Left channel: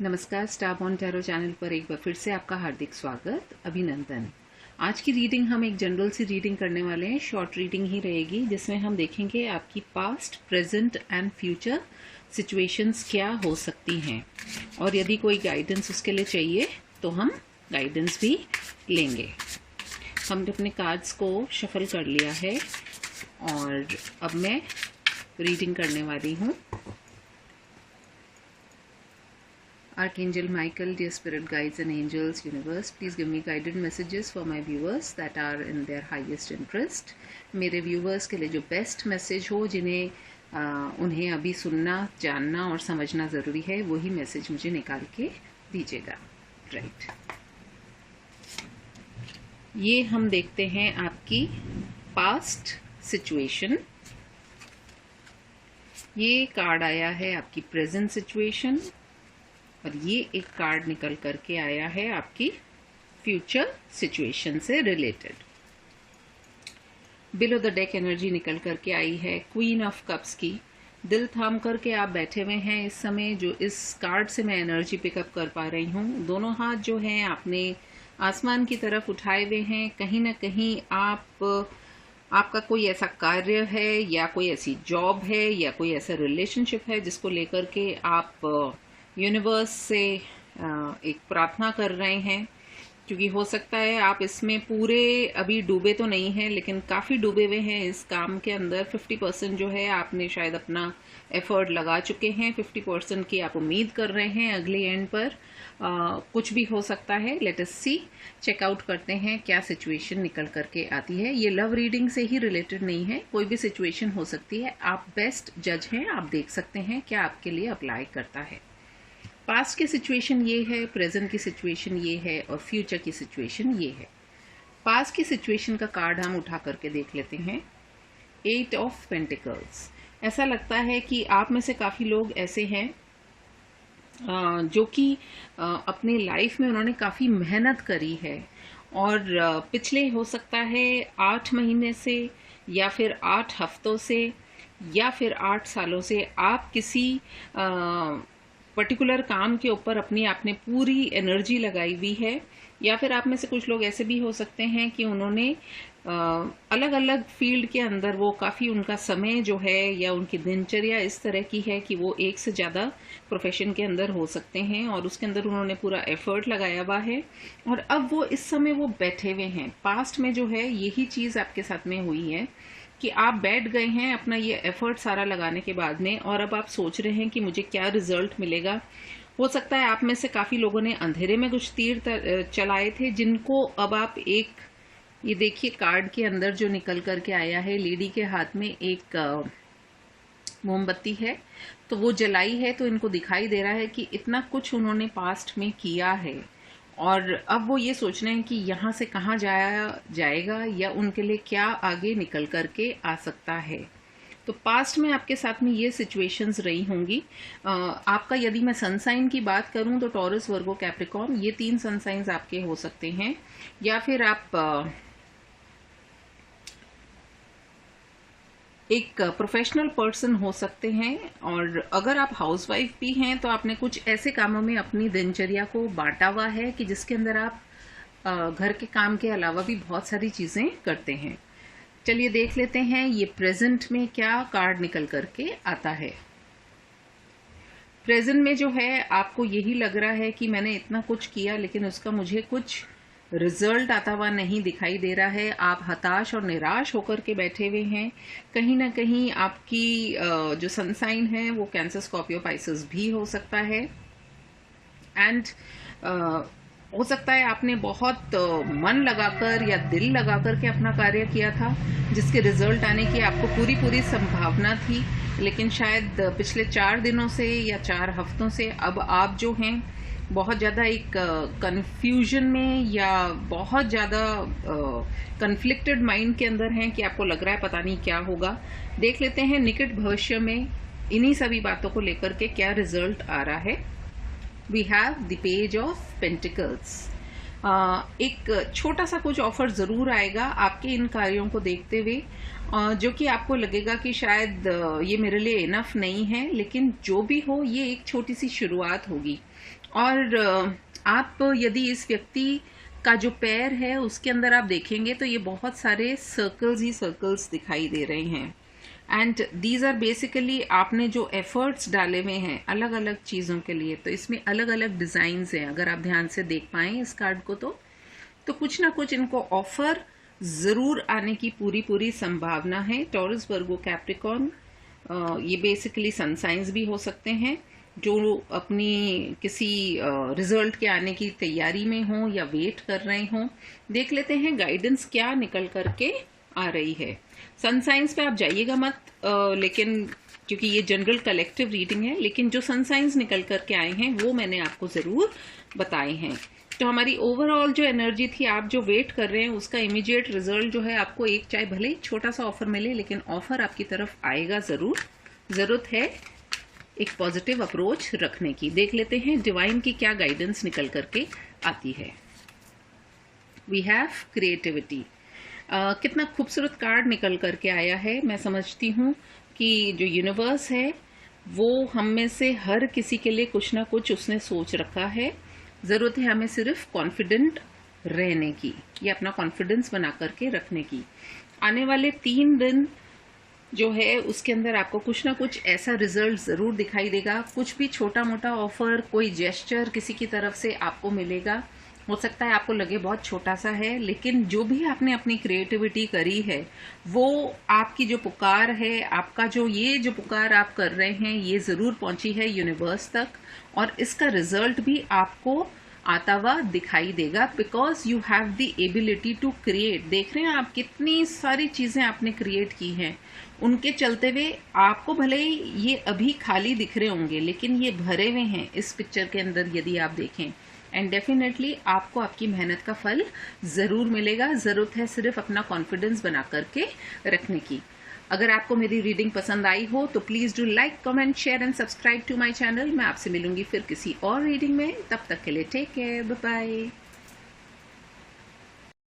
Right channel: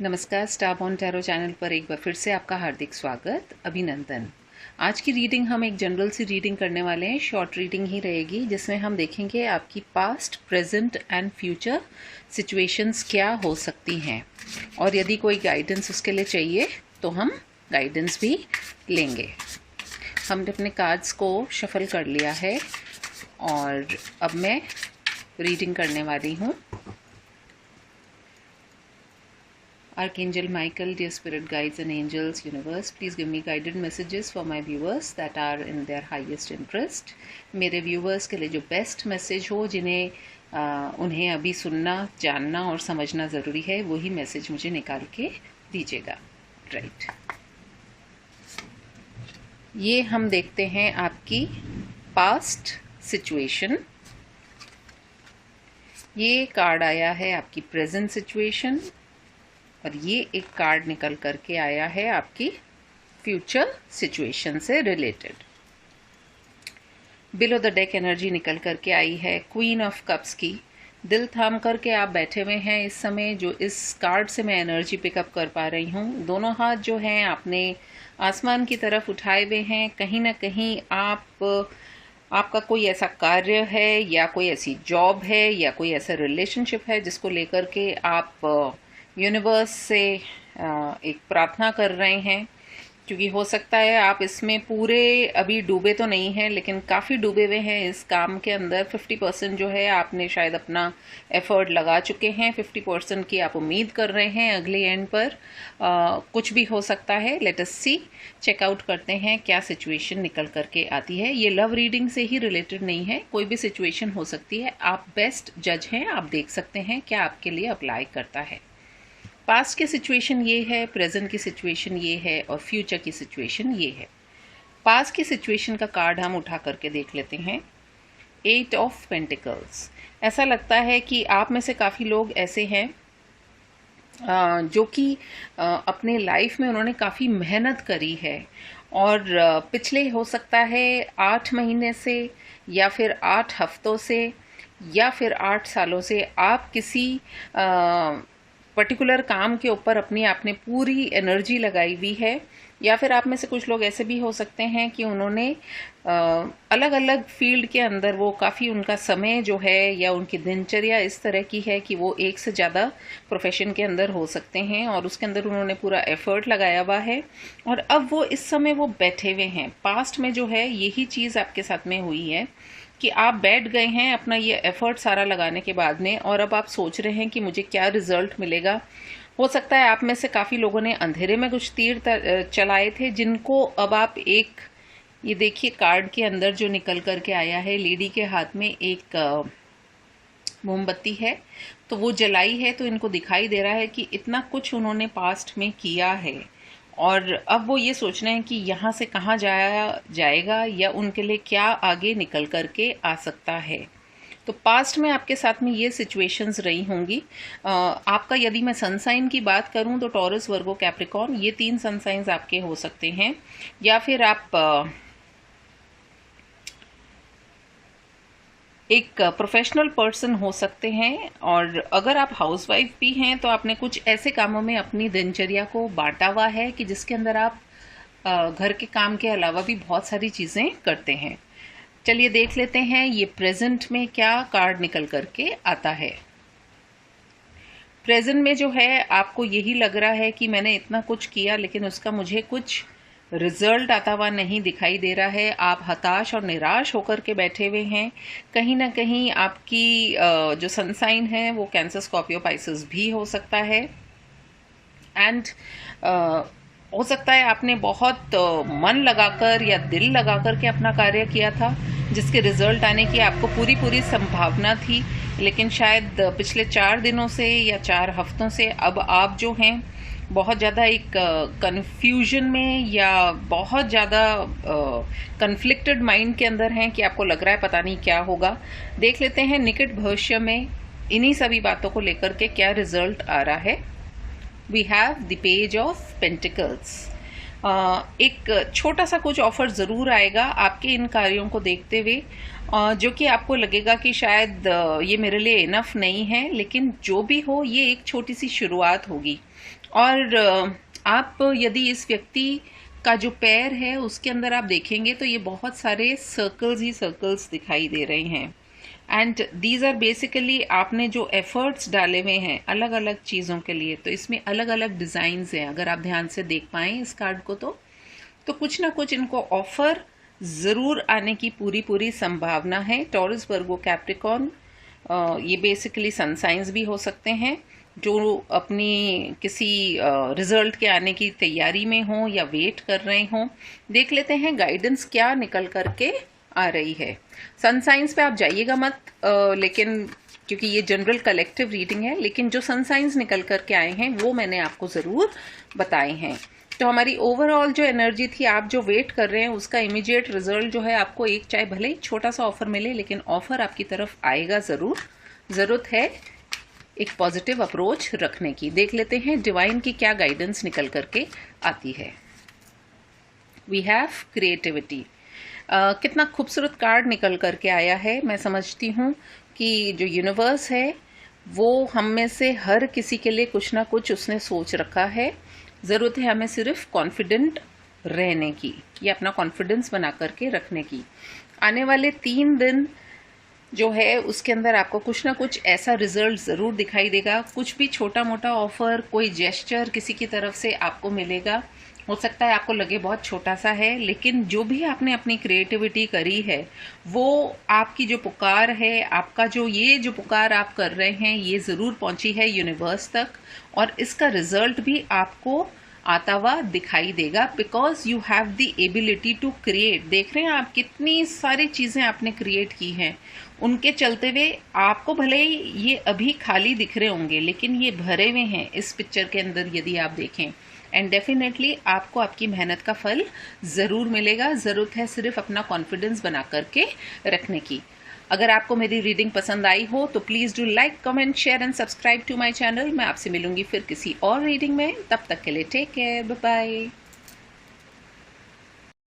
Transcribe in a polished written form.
नमस्कार, star born tarot channel पर एक बार फिर से आपका हार्दिक स्वागत, अभिनंदन। आज की रीडिंग हम एक जनरल सी रीडिंग करने वाले हैं। शॉर्ट रीडिंग ही रहेगी जिसमें हम देखेंगे आपकी past, present and future situations क्या हो सकती हैं, और यदि कोई गाइडेंस उसके लिए चाहिए तो हम गाइडेंस भी लेंगे। हमने अपने कार्ड्स को शफल कर लिया है और अब मैं रीडिंग करने वाली हूँ। Archangel Michael, dear spirit guides and angels, universe, please give me guided messages for my viewers that are in their highest interest. मेरे viewers के लिए जो best message हो, जिन्हें उन्हें अभी सुनना, जानना और समझना ज़रूरी है, वही मैसेज मुझे निकाल के दीजिएगा। राइट, ये हम देखते हैं आपकी पास्ट सिचुएशन। ये कार्ड आया है आपकी प्रेजेंट सिचुएशन, और ये एक कार्ड निकल करके आया है आपकी फ्यूचर सिचुएशन से related. Below the deck energy निकल करके आई है क्वीन ऑफ कप्स की। दिल थाम करके आप बैठे हुए हैं इस समय। जो इस कार्ड से मैं एनर्जी पिकअप कर पा रही हूँ, दोनों हाथ जो हैं आपने आसमान की तरफ उठाए हुए हैं। कहीं ना कहीं आपका कोई ऐसा कार्य है या कोई ऐसी जॉब है या कोई ऐसा रिलेशनशिप है जिसको लेकर के आप यूनिवर्स से एक प्रार्थना कर रहे हैं, क्योंकि हो सकता है आप इसमें पूरे अभी डूबे तो नहीं हैं, लेकिन काफ़ी डूबे हुए हैं इस काम के अंदर। 50% जो है आपने शायद अपना एफर्ट लगा चुके हैं, 50% की आप उम्मीद कर रहे हैं अगले एंड पर। कुछ भी हो सकता है। लेट अस सी, चेकआउट करते हैं क्या सिचुएशन निकल करके आती है। ये लव रीडिंग से ही रिलेटेड नहीं है, कोई भी सिचुएशन हो सकती है। आप बेस्ट जज हैं, आप देख सकते हैं क्या आपके लिए अप्लाई करता है। पास्ट की सिचुएशन ये है, प्रेजेंट की सिचुएशन ये है और फ्यूचर की सिचुएशन ये है। पास्ट की सिचुएशन का कार्ड हम उठा करके देख लेते हैं। 8 ऑफ पेंटिकल्स। ऐसा लगता है कि आप में से काफ़ी लोग ऐसे हैं जो कि अपने लाइफ में उन्होंने काफ़ी मेहनत करी है, और पिछले हो सकता है 8 महीने से या फिर 8 हफ्तों से या फिर 8 सालों से आप किसी पर्टिकुलर काम के ऊपर अपनी आपने पूरी एनर्जी लगाई हुई है। या फिर आप में से कुछ लोग ऐसे भी हो सकते हैं कि उन्होंने अलग अलग फील्ड के अंदर वो काफ़ी उनका समय जो है या उनकी दिनचर्या इस तरह की है कि वो एक से ज़्यादा प्रोफेशन के अंदर हो सकते हैं, और उसके अंदर उन्होंने पूरा एफर्ट लगाया हुआ है, और अब वो इस समय वो बैठे हुए हैं। पास्ट में जो है यही चीज़ आपके साथ में हुई है कि आप बैठ गए हैं अपना ये एफर्ट सारा लगाने के बाद में, और अब आप सोच रहे हैं कि मुझे क्या रिजल्ट मिलेगा। हो सकता है आप में से काफ़ी लोगों ने अंधेरे में कुछ तीर चलाए थे, जिनको अब आप एक, ये देखिए कार्ड के अंदर जो निकल करके आया है, लेडी के हाथ में एक मोमबत्ती है, तो वो जलाई है, तो इनको दिखाई दे रहा है कि इतना कुछ उन्होंने पास्ट में किया है, और अब वो ये सोच रहे हैं कि यहाँ से कहाँ जाया जाएगा या उनके लिए क्या आगे निकल करके आ सकता है। तो पास्ट में आपके साथ में ये सिचुएशंस रही होंगी। आपका यदि मैं सन साइन की बात करूँ तो टॉरस, वर्गो, कैप्रिकॉर्न, ये 3 सन साइंस आपके हो सकते हैं। या फिर आप एक प्रोफेशनल पर्सन हो सकते हैं, और अगर आप हाउसवाइफ भी हैं तो आपने कुछ ऐसे कामों में अपनी दिनचर्या को बांटा हुआ है कि जिसके अंदर आप घर के काम के अलावा भी बहुत सारी चीज़ें करते हैं। चलिए देख लेते हैं ये प्रेजेंट में क्या कार्ड निकल करके आता है। प्रेजेंट में जो है आपको यही लग रहा है कि मैंने इतना कुछ किया लेकिन उसका मुझे कुछ रिजल्ट आता हुआ नहीं दिखाई दे रहा है। आप हताश और निराश होकर के बैठे हुए हैं। कहीं ना कहीं आपकी जो सन साइन है वो कैंसर, स्कॉर्पियो, पाइसेस भी हो सकता है। एंड हो सकता है आपने बहुत मन लगाकर या दिल लगाकर के अपना कार्य किया था, जिसके रिजल्ट आने की आपको पूरी संभावना थी, लेकिन शायद पिछले 4 दिनों से या 4 हफ्तों से अब आप जो हैं बहुत ज़्यादा एक कन्फ्यूजन में या बहुत ज़्यादा कन्फ्लिक्टेड माइंड के अंदर हैं कि आपको लग रहा है पता नहीं क्या होगा। देख लेते हैं निकट भविष्य में इन्हीं सभी बातों को लेकर के क्या रिजल्ट आ रहा है। We have the page of pentacles. एक छोटा सा कुछ ऑफर ज़रूर आएगा आपके इन कार्यों को देखते हुए, जो कि आपको लगेगा कि शायद ये मेरे लिए इनफ नहीं है, लेकिन जो भी हो ये एक छोटी सी शुरुआत होगी। और आप यदि इस व्यक्ति का जो पैर है उसके अंदर आप देखेंगे तो ये बहुत सारे सर्कल्स ही सर्कल्स दिखाई दे रहे हैं। एंड दीज आर बेसिकली आपने जो एफर्ट्स डाले हुए हैं अलग अलग चीज़ों के लिए, तो इसमें अलग अलग डिज़ाइंस हैं। अगर आप ध्यान से देख पाएँ इस कार्ड को तो कुछ ना कुछ इनको ऑफ़र ज़रूर आने की पूरी संभावना है। टॉरस, वर्गो, कैप्रिकॉर्न, ये बेसिकली सन साइंस भी हो सकते हैं जो अपनी किसी रिज़ल्ट के आने की तैयारी में हों या वेट कर रहे हों। देख लेते हैं गाइडेंस क्या निकल करके आ रही है। सन साइंस पे आप जाइएगा मत, लेकिन क्योंकि ये जनरल कलेक्टिव रीडिंग है, लेकिन जो सन साइंस निकल करके आए हैं वो मैंने आपको ज़रूर बताए हैं। तो हमारी ओवरऑल जो एनर्जी थी, आप जो वेट कर रहे हैं उसका इमीडिएट रिजल्ट जो है आपको एक चाहे भले ही छोटा सा ऑफर मिले, लेकिन ऑफर आपकी तरफ आएगा ज़रूर। ज़रूरत है एक पॉजिटिव अप्रोच रखने की। देख लेते हैं डिवाइन की क्या गाइडेंस निकल करके आती है। We have creativity. कितना खूबसूरत कार्ड निकल करके आया है। मैं समझती हूँ कि जो यूनिवर्स है वो हम में से हर किसी के लिए कुछ ना कुछ उसने सोच रखा है। ज़रूरत है हमें सिर्फ कॉन्फिडेंट रहने की या अपना कॉन्फिडेंस बना करके रखने की। आने वाले 3 दिन जो है उसके अंदर आपको कुछ ना कुछ ऐसा रिजल्ट ज़रूर दिखाई देगा। कुछ भी छोटा मोटा ऑफ़र, कोई जेस्चर किसी की तरफ से आपको मिलेगा। हो सकता है आपको लगे बहुत छोटा सा है, लेकिन जो भी आपने अपनी क्रिएटिविटी करी है वो आपकी जो पुकार है, आपका जो पुकार आप कर रहे हैं ये ज़रूर पहुंची है यूनिवर्स तक, और इसका रिजल्ट भी आपको आता हुआ दिखाई देगा। Because you have the ability to create. देख रहे हैं आप कितनी सारी चीज़ें आपने क्रिएट की हैं, उनके चलते हुए आपको भले ही ये अभी खाली दिख रहे होंगे, लेकिन ये भरे हुए हैं इस पिक्चर के अंदर यदि आप देखें। एंड डेफिनेटली आपको आपकी मेहनत का फल ज़रूर मिलेगा। ज़रूरत है सिर्फ अपना कॉन्फिडेंस बना करके रखने की। अगर आपको मेरी रीडिंग पसंद आई हो तो please do like, comment, share and subscribe to my channel. मैं आपसे मिलूंगी फिर किसी और रीडिंग में। तब तक के लिए टेक केयर, बाय बाय।